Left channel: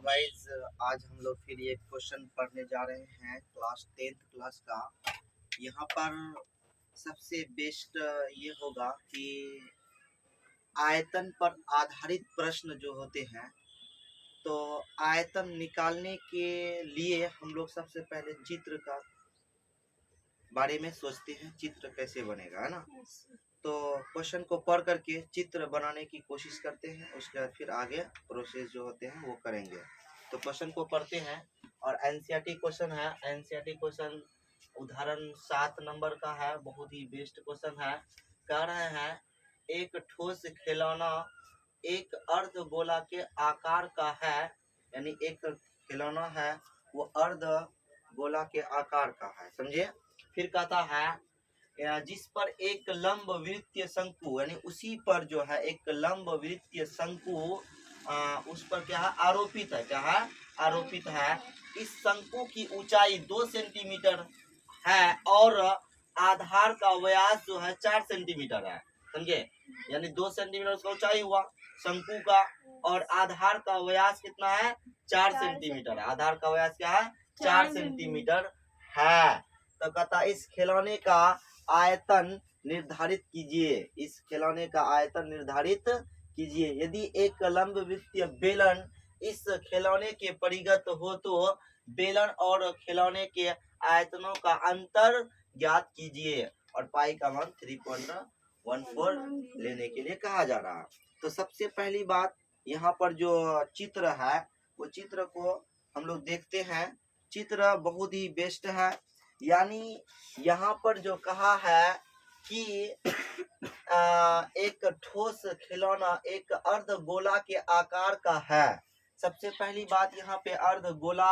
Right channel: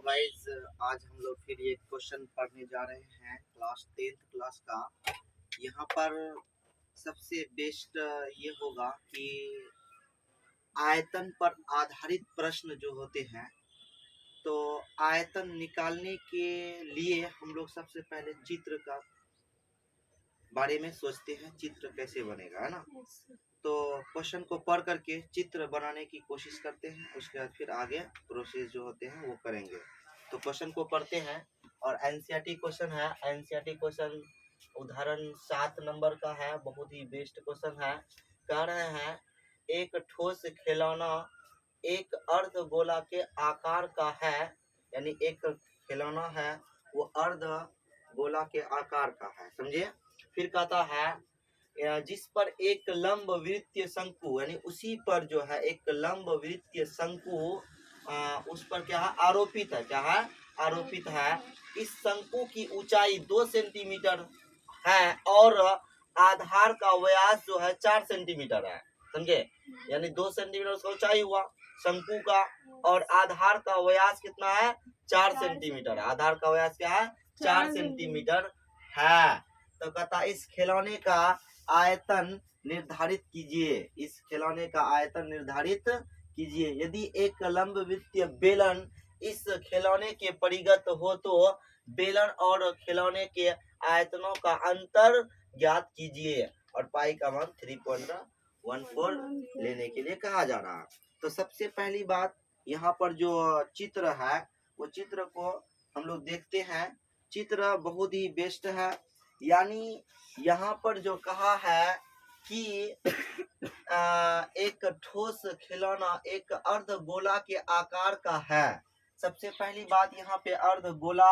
Guys, आज हम लोग फिर ये क्वेश्चन पढ़ने जा रहे हैं क्लास 10th क्लास का। यहाँ पर सबसे बेस्ट ये होगा कि आयतन पर आधारित प्रश्न जो होते हैं, तो आयतन निकालने के लिए हम लोग सबसे पहले चित्र का बारे में सोचते हैं, चित्र कैसे बनेगा, है ना। तो क्वेश्चन को पढ़ करके चित्र बनाने की कोशिश करते हैं, उसके बाद फिर आगे प्रोसेस जो होते हैं वो करेंगे। तो क्वेश्चन को पढ़ते हैं और एनसीईआरटी क्वेश्चन है। एनसीईआरटी क्वेश्चन उदाहरण 7 नंबर का है, बहुत ही बेस्ट क्वेश्चन है। कह रहे हैं एक ठोस खिलौना एक अर्ध गोला के आकार का है, यानी एक खिलौना है वो अर्ध गोला के आकार का है, समझे। फिर कहता है जिस पर एक लंब वृत्तीय शंकु, यानी उसी पर जो है एक लंब वृत्तीय शंकु उस पर क्या है, आरोपित है। क्या है, आरोपित है। इस शंकु की ऊंचाई 2 सेंटीमीटर है और आधार का व्यास जो है 4 सेंटीमीटर है, समझे। यानी 2 सेंटीमीटर उसका ऊंचाई हुआ शंकु का, और आधार का व्यास कितना है, 4 सेंटीमीटर है। आधार का व्यास क्या है, 4 सेंटीमीटर है। तो कहता इस खिलौने का आयतन निर्धारित कीजिए। इस खिलौने का आयतन निर्धारित कीजिए। यदि एक लंब वृत्तीय बेलन इस खिलौने के परिगत हो तो बेलन और खिलौने के आयतनों का अंतर ज्ञात कीजिए। और पाई का मान 3.14 लेने के लिए कहा जा रहा। तो सबसे पहली बात, यहाँ पर जो चित्र है वो चित्र को हम लोग देखते हैं। चित्र बहुत ही बेस्ट है। यानी यहाँ पर जो कहा है कि एक ठोस खिलौना एक अर्ध गोला के आकार का है। सबसे पहली बात, यहाँ पे अर्ध गोला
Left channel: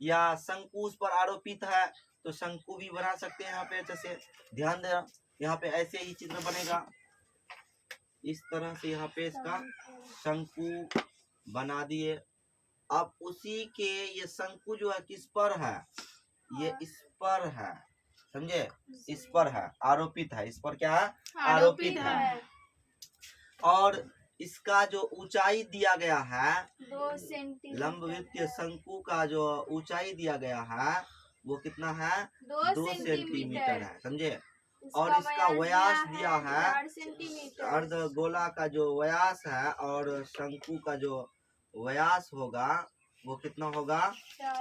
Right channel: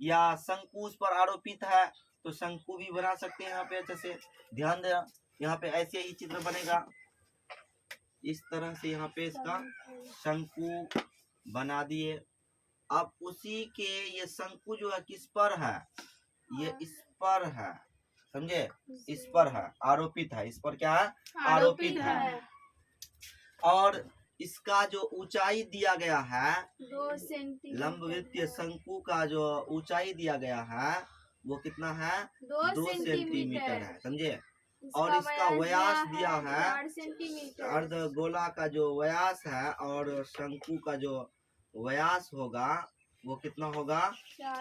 या शंकु उस पर आरोपित है, तो शंकु भी बना सकते हैं। यहाँ पे अच्छे से ध्यान देना, यहाँ पे ऐसे ही चित्र बनेगा, इस तरह से यहाँ पे इसका शंकु बना दिए। अब उसी के ये शंकु जो है किस पर है, ये इस पर है, समझे, इस पर है, आरोपित है। इस पर क्या है, आरोपित है। और इसका जो ऊंचाई दिया गया है 2 सेंटीमीटर, लंब वृत्तीय शंकु का जो ऊंचाई दिया गया है वो कितना है, 2 सेंटीमीटर है, समझे। और इसका व्यास दिया है 4 सेंटीमीटर। अर्ध गोला का जो व्यास है और शंकु का जो व्यास होगा वो कितना होगा,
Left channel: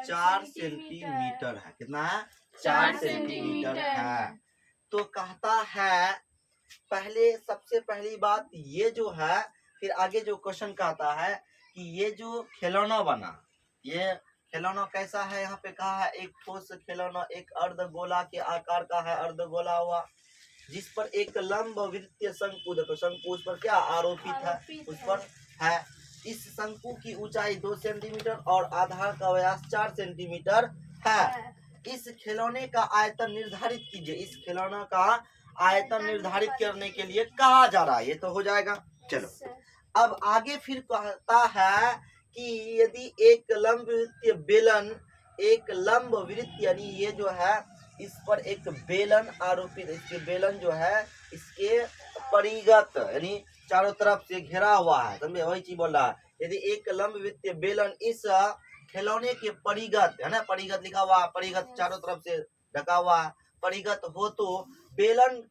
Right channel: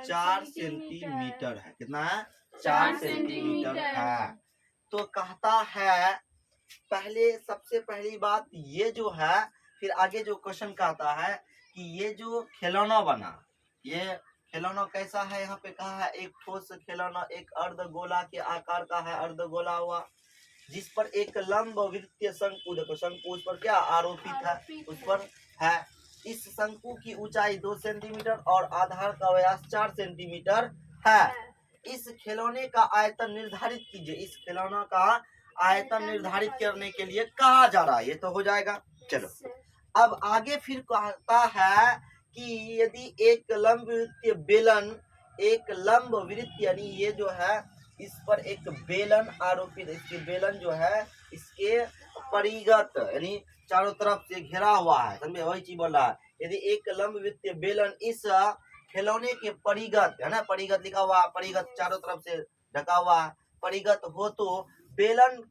4 सेंटीमीटर है। कितना है, 4 सेंटीमीटर है। तो कहता है पहले, सबसे पहली बात ये जो है, फिर आगे जो क्वेश्चन कहता है कि ये जो खिलौना बना, ये खिलौना कैसा है। यहाँ पे कहा है एक ठोस खिलौना एक अर्ध गोला के आकार का है, अर्ध गोला हुआ, जिस पर एक लंब वृत्तीय शंकु, देखो शंकु उस पर क्या आरोपित है, उस पर है। इस शंकु की ऊंचाई 2 सेंटीमीटर और आधार का व्यास 4 सेंटीमीटर है। इस खिलौने का आयतन निर्धारित कीजिए। इस खिलौना का आयतन निर्धारित करने के लिए कहा जा रहा है, ये तो हो जाएगा। चलो अब आगे फिर कहता है कि यदि एक लंब वृत्तीय बेलन, एक लंब वृत्त यानी ये जो है इस पर एक बेलन आरोपित, इसके बेलन जो है इसके परिगत यानी चारों तरफ से घिरा हुआ है, समझे, वही चीज बोल रहा है। यदि एक लंब वृत्तीय बेलन इस खिलौने के परिगत, है ना, परिगत लिखा हुआ, परिगत चारों तरफ से ढका हुआ है, परिगत हो तो बेलन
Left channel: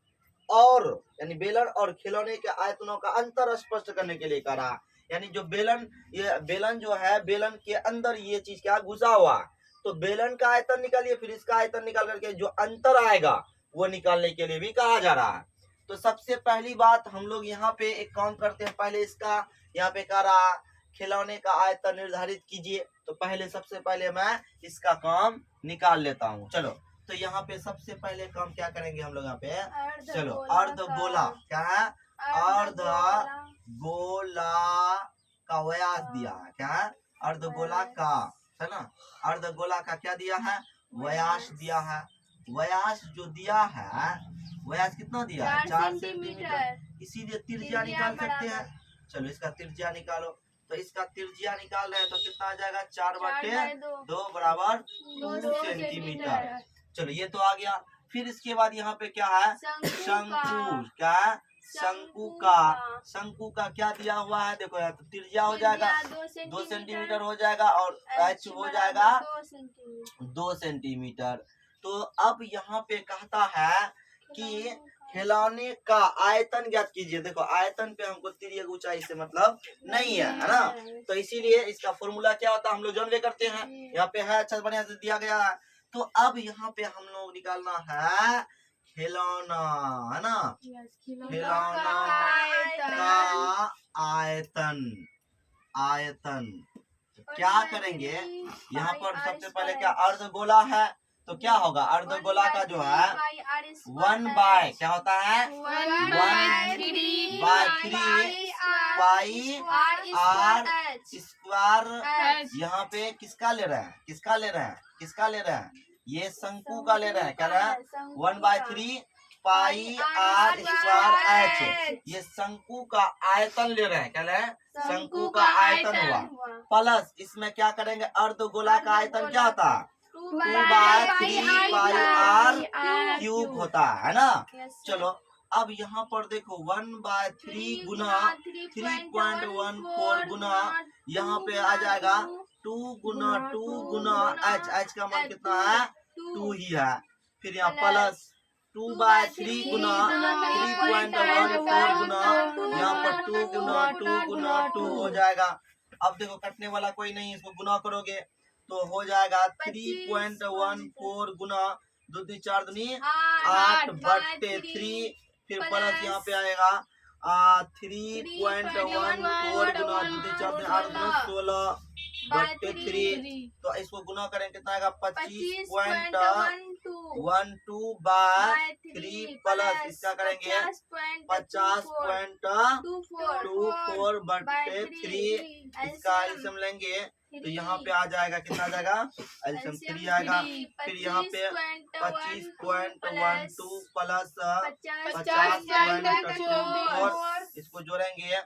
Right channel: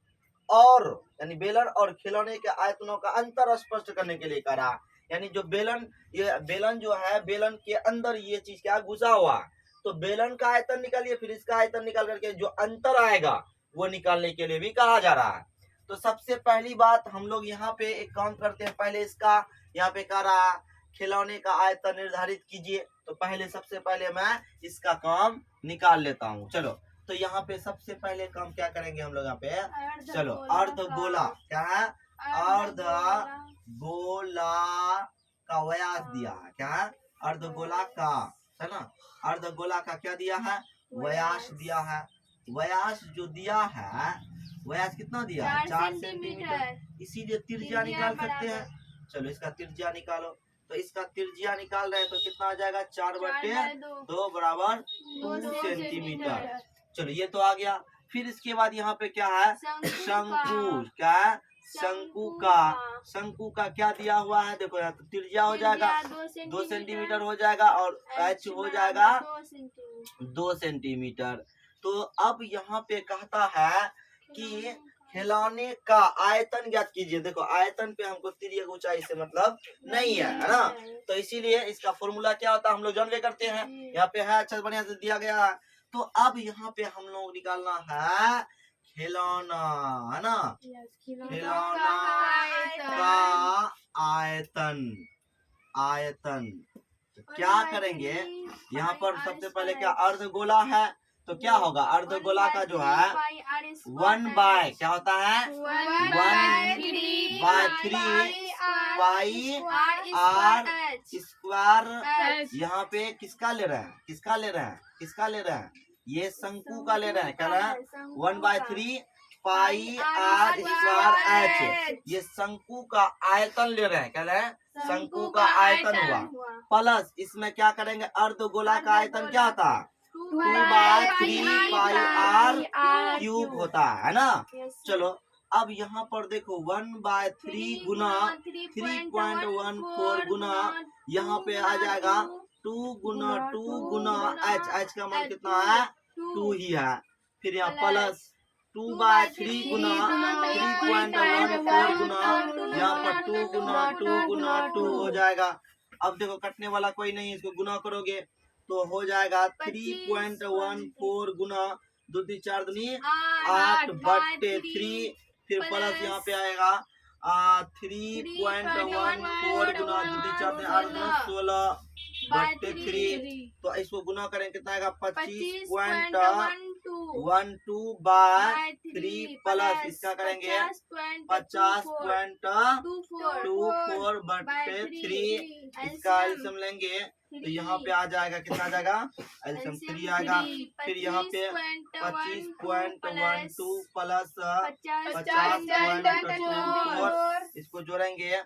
और, यानी बेलन और खिलौने के आयतनों का अंतर स्पष्ट करने के लिए करा। यानी जो बेलन, ये बेलन जो है, बेलन के अंदर ये चीज क्या घुसा हुआ, तो बेलन का आयतन निकालिए, फिर इसका आयतन निकाल करके जो अंतर आएगा वो निकालने के लिए भी कहा जा रहा है। तो सबसे पहली बात हम लोग यहाँ पे एक काम करते हैं। पहले इसका यहाँ पे कह रहा खिलौने का आयतन निर्धारित कीजिए, तो पहले सबसे पहले मैं इसका काम निकाल लेता हूँ। चलो, तो यहाँ पे सबसे पहले काम क्या करेंगे हम लोग यहाँ पे, चलो अर्ध गोला, क्या है, अर्ध गोला का व्यास दिया है, क्या है, अर्ध गोला का, है ना, अर्ध गोला का क्या दिया है, व्यास दिया है। व्यास जो दिया है, व्यास कितना दिया है, 4 सेंटीमीटर, इसीलिए त्रिज्या निकाल सकते हैं। चलो इसका त्रिज्या निकालो, तो इसका त्रिज्या निकाल रहे हैं तो कितना आ जाएगा, 4/2 बराबर 2 सेंटीमीटर। चलो ये तो आ गया। फिर इसके बाद यहाँ पे क्या है, शंकु, क्या है, शंकु का क्या दिया हुआ है, देखो यहाँ तो त्रिज्या हो जाएगा 2 सेंटीमीटर हो जाएगा और एच हो जाएगा 2 सेंटीमीटर। तो अब यहाँ पे कहता है कि खिलौने का आयतन ज्ञात कीजिए। देखो आयतन पे हमको तिर्यक ऊंचाई से मतलब नहीं है ना, तो इसीलिए इसका फॉर्मूला क्या होता है हम लोग जानवे करते हैं। यहाँ पे है अच्छा बढ़िया से दिया गया है। तो अब यहाँ पे हम लोग निकालना है खिलौना, है ना, खिलौना का आयतन तो क्या करेंगे, यहाँ पर सबसे पहले क्या अर्धगोला है तो क्या होगा, अर्धगोला का जो है 1 बाय क्या होता है 1/3 पाई आर स्क्वायर। यहाँ पे किसका ले रहे हैं, ये शंकु का ले रहे हैं, क्या ले रहे हैं 1/3 पाई आर स्क्वायर एच। ये शंकु का आयतन ले रहे हैं, क्या ले रहे हैं शंकु का आयतन हुआ, प्लस इसमें क्या करेंगे अर्धगोला का आयतन क्या होता है 2/3 पाई आर क्यूब होता है ना। चलो अब यहाँ पर देखो 1/3 गुना 3.14 गुना यहाँ पे आ जाएगा 2 गुना एच का मान कितना है 2 ही है, फिर यहाँ प्लस 2/3 गुना 3.14 गुना यहाँ पर 2 गुना 2 हो जाएगा। अब देखो कटने वाला कोई नहीं, इसको गुना करोगे तो हो जाएगा 3.14 गुना 2 3 4 दूनी 8/3, फिर प्लस यहाँ पे आएगा 3.14 गुना 2 3 4 8 गुना 16/3। तो इसको गुना करें कितना आएगा 25.12/3 प्लस इसका करेंगे 50.24/3, इसका एल्सियम लेंगे तो यहाँ पे आ जाएगा कितना आ जाएगा एल्सियम 3 आएगा। फिर यहाँ पे 25.12 प्लस 50.24 इसको जोड़ेंगे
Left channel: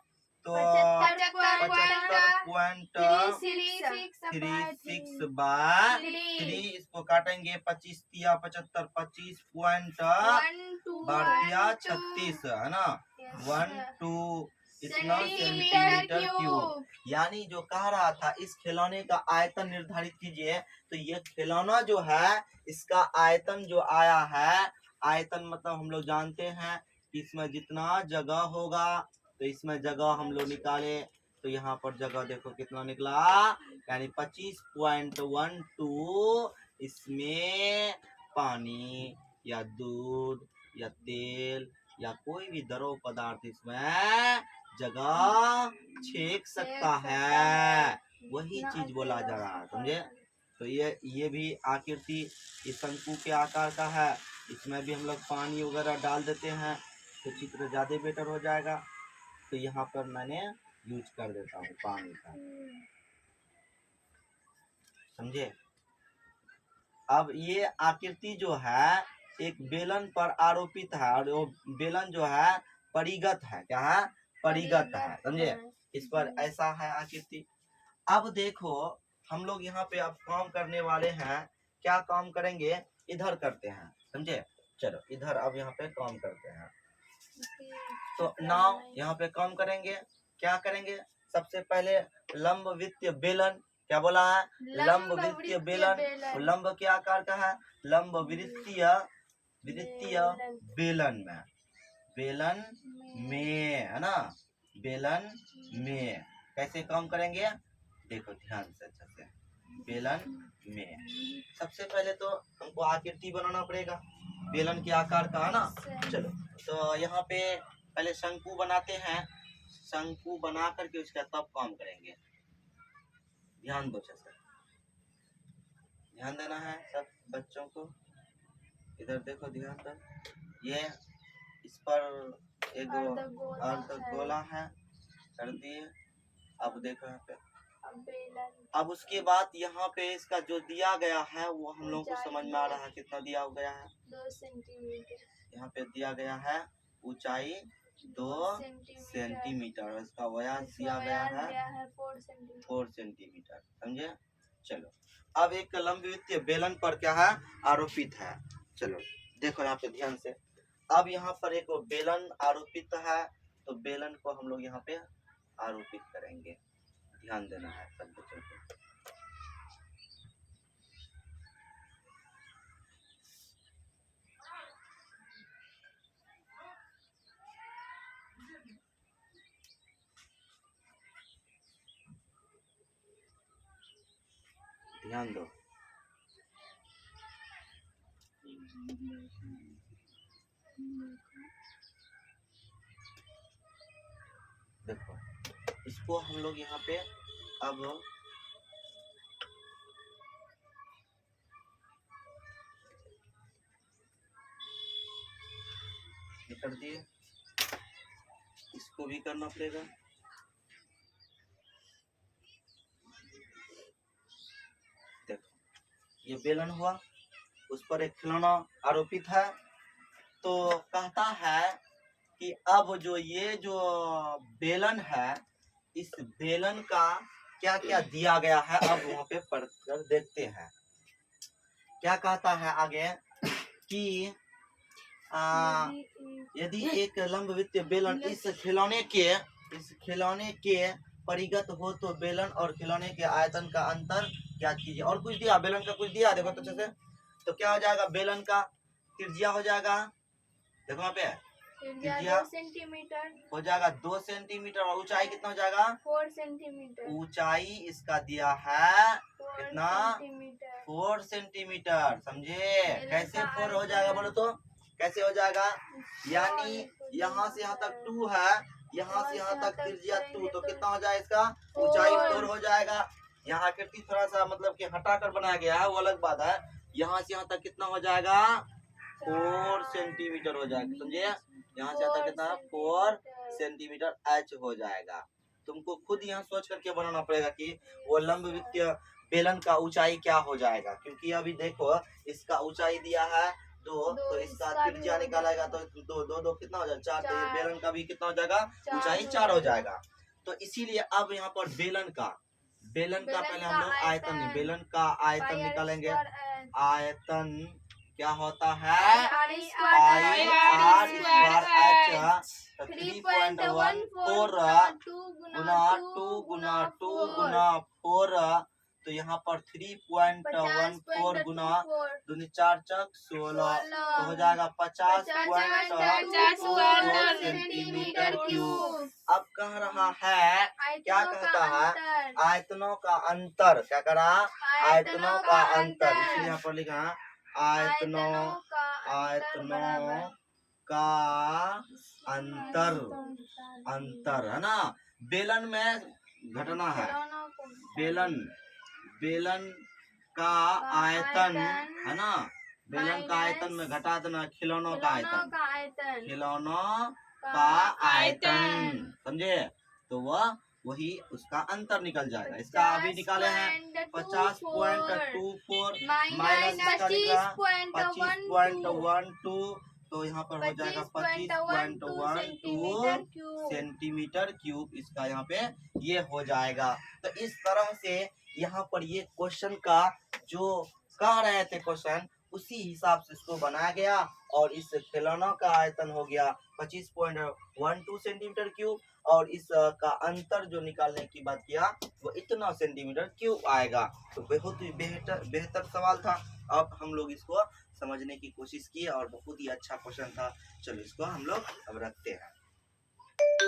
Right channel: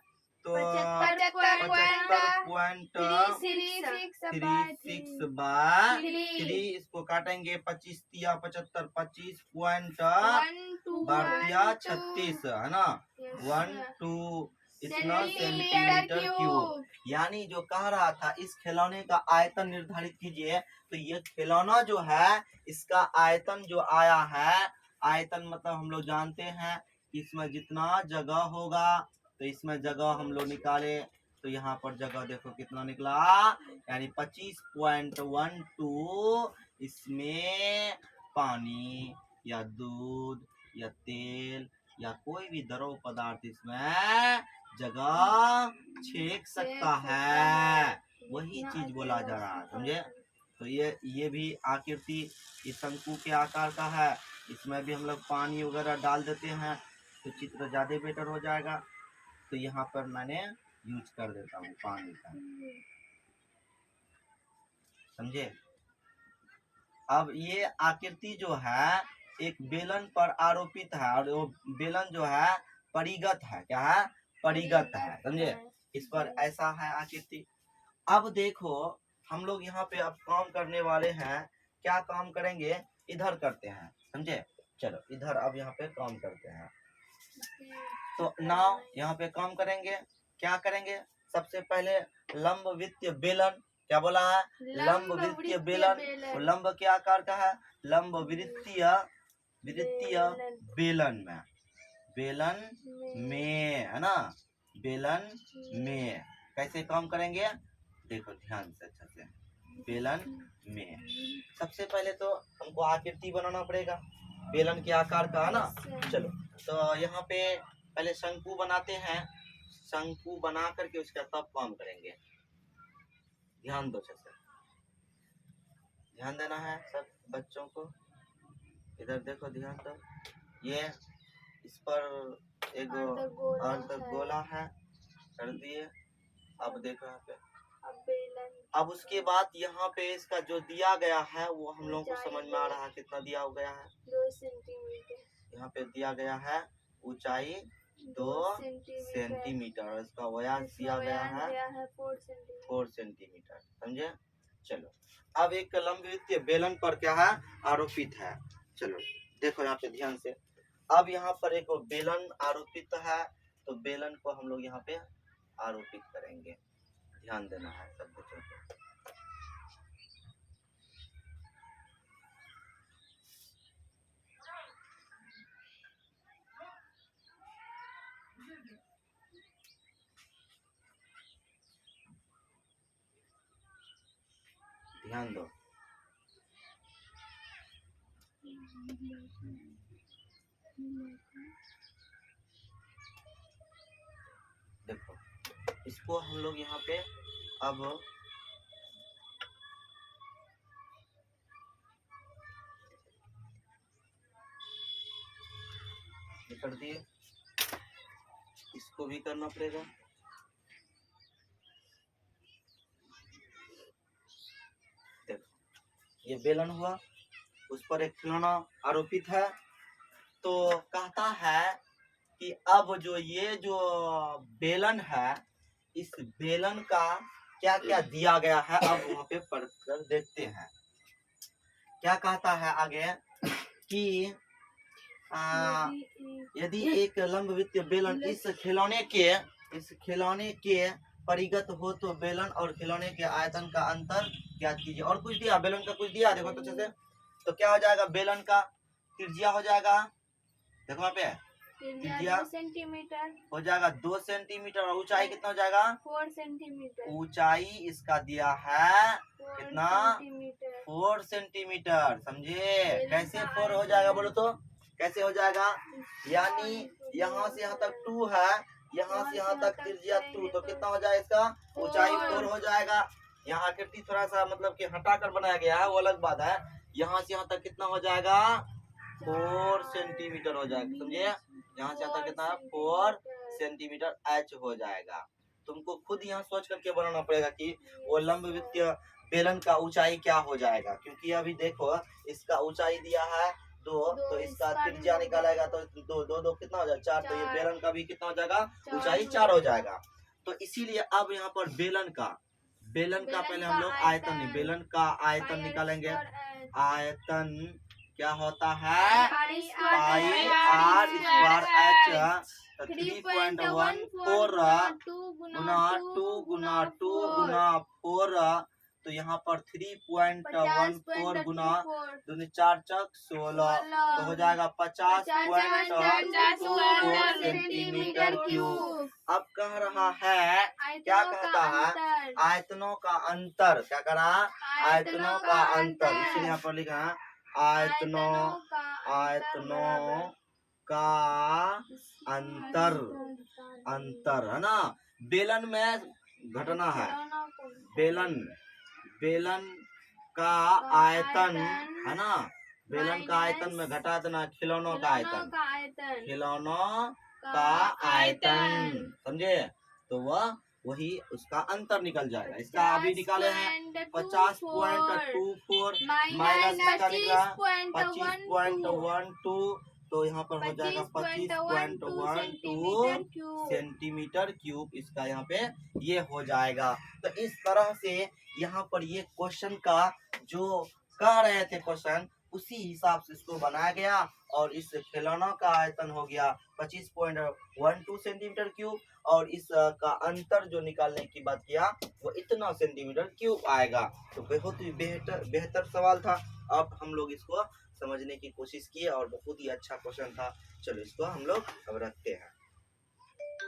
तो 75.36/3, इसको काटेंगे 25 तिया 75 25.36 है ना 12 इतना सेंटीमीटर क्यूब। यानी जो कह रहा था इस खिलौने का आयतन निर्धारित कीजिए, तो ये खिलौना जो है इसका आयतन जो आया है, आयतन मतलब हम लोग जानते हैं कि इसमें जितना जगह होगा तो इसमें जगह हम लोग निकाले तो यहाँ पर जगह देखो कितना निकला, यानी 25.12 इसमें पानी या दूध या तेल या कोई भी द्रव पदार्थ इसमें जगह छेक सकता है, वही चीज बोला जा रहा है, समझे। तो ये भी आकृति इस शंकु के आकार का है, इसमें भी हम लोग पानी वगैरह डाल देते हैं तो चित्र ज्यादा बेटर हो जाएगा। तो यहाँ पर मैंने यूज कर देता हूँ पानी का, समझे। अब ये आकृति जो है एक बेलन पर आरोपित है और वो बेलन जो है परिगत है, क्या है परिगत है, समझे। इस पर ऐसा है आकृति। अब देखो हम लोग यहाँ पे अब काम करने वाले हैं, क्या काम करेंगे इधर करते हैं, समझे। चलो इधर अब यहाँ पे काम करते हैं। तो नाव यहाँ पे काम करेंगे, क्या करेंगे सबसे पहले लंब वित्तीय बेलन, क्या बोला है लंब वित्तीय बेलन, वो लंब के आकार का है, लंब वित्तीय बेलन में है ना, बेलन में कैसे काम करेंगे देखो ध्यान से अच्छा से। बेलन में सबसे पहले तो हमको आकृति बनाना पड़ेगा बेलन के आकार का, है ना। चलो तो यहाँ पे पहले शंकु बनाते हैं, शंकु बना करके उसका तब काम करेंगे। ध्यान दो अच्छे से, ध्यान देना है सब बच्चों को, इधर देखो ध्यान दो। ये इस पर एक अर्धगोला है, कर दिए। अब देखो यहाँ पे, अब उसके बाद यहाँ पे इसका जो दिया गया है वो हम लोगों को समझ में आ रहा है कितना दिया गया है 2 सेंटीमीटर। यहाँ पे दिया गया है ऊंचाई 2 सेंटीमीटर, इसका व्यास दिया गया है 4 सेंटीमीटर, समझे। चलो अब एक लंबवृत्तीय बेलन पर क्या है आरोपित है। चलो देखो यहाँ पे ध्यान से, अब यहाँ पर एक बेलन आरोपित है, तो बेलन को हम लोग यहाँ पे आरोपित करेंगे, ध्यान देना है सब बच्चों को। ध्यान दो। देखो इसको हम लोग यहाँ पे अब कर दिए, इसको भी करना पड़ेगा। देखो ये बेलन हुआ, उस पर एक खिलौना आरोपित है, तो कहता है कि अब जो ये जो बेलन है, इस बेलन का क्या क्या दिया गया है, अब वहां पे पढ़कर देखते हैं। क्या कहता है आगे कि यदि एक लंबवृत्तीय बेलन इस खिलौने के परिगत हो तो बेलन और खिलौने के आयतन का अंतर ज्ञात कीजिए। और कुछ दिया, बेलन का कुछ दिया, देखो तो अच्छे से, तो क्या हो जाएगा, बेलन का त्रिज्या हो जाएगा, देखो वहाँ पे त्रिज्या 2 सेंटीमीटर हो जाएगा 2 सेंटीमीटर, और ऊंचाई कितना हो जाएगा, 4 सेंटीमीटर। ऊंचाई इसका दिया है कितना, 4 सेंटीमीटर। समझे कैसे 4 हो जाएगा, बोलो तो कैसे हो जाएगा, यानी यहाँ से यहाँ तक 2 है, यहाँ से यहाँ तक त्रिज्या 2, तो कितना हो जाएगा इसका, ऊंचाई 4 हो जाएगा। यहाँ आकृति थोड़ा सा मतलब कि हटा कर बनाया गया है, वो अलग बात है। यहाँ से यहाँ तक कितना हो जाएगा, 4 सेंटीमीटर हो जाएगा। समझे, यहाँ से यहाँ तक कितना, 4 सेंटीमीटर h हो जाएगा। तुमको खुद यहाँ सोच करके बनाना पड़ेगा कि वो लंबवृत्तीय बेलन का ऊंचाई क्या हो जाएगा, क्योंकि अभी देखो इसका ऊंचाई दिया है 2, तो इसका त्रिज्या निकालेगा तो 2 कितना हो जाएगा, 4, तो ये बेलन का भी कितना हो जाएगा, ऊंचाई 4 हो जाएगा। तो इसीलिए अब यहाँ पर बेलन का पहले हम लोग आयतन, बेलन का आयतन निकालेंगे। आयतन क्या होता है, पाई r स्क्वायर h 3.14 गुना 2 गुना 2 गुना 4, तो यहाँ पर 3.14 गुना 2 4 चक 16, तो हो जाएगा 50.24 सेंटीमीटर क्यूब। अब कह रहा है, क्या कहता है, आयतनों का अंतर, क्या कह रहा है, आयतनों का अंतर, इसलिए यहाँ पर लिखा है आयतनों का अंतर है ना। बेलन में घटना है, बेलन का आयतन है ना, बेलन का आयतन में घटा देना खिलौनों का आयतन, खिलौनों का आयतन, समझे, तो वह वही उसका अंतर निकल जाएगा। इसका अभी निकाले हैं 50.24 माइनस इसका निकला 25.12, तो यहाँ पर हो जाएगा 25.12 सेंटीमीटर क्यूब, इसका यहाँ पे ये हो जाएगा। तो इस तरह से यहाँ पर ये क्वेश्चन का जो कह रहे थे क्वेश्चन, उसी हिसाब से इसको बनाया गया, और इस खिलौनों का आयतन हो गया 25.12 सेंटीमीटर क्यूब, और इस का अंतर जो निकालने की बात किया वो इतना सेंटीमीटर क्यूब आएगा। तो बहुत ही बेहतर सवाल था। अब हम लोग इसको समझने की कोशिश किए और बहुत ही अच्छा क्वेश्चन था। चलो इसको हम लोग अब रखते हैं।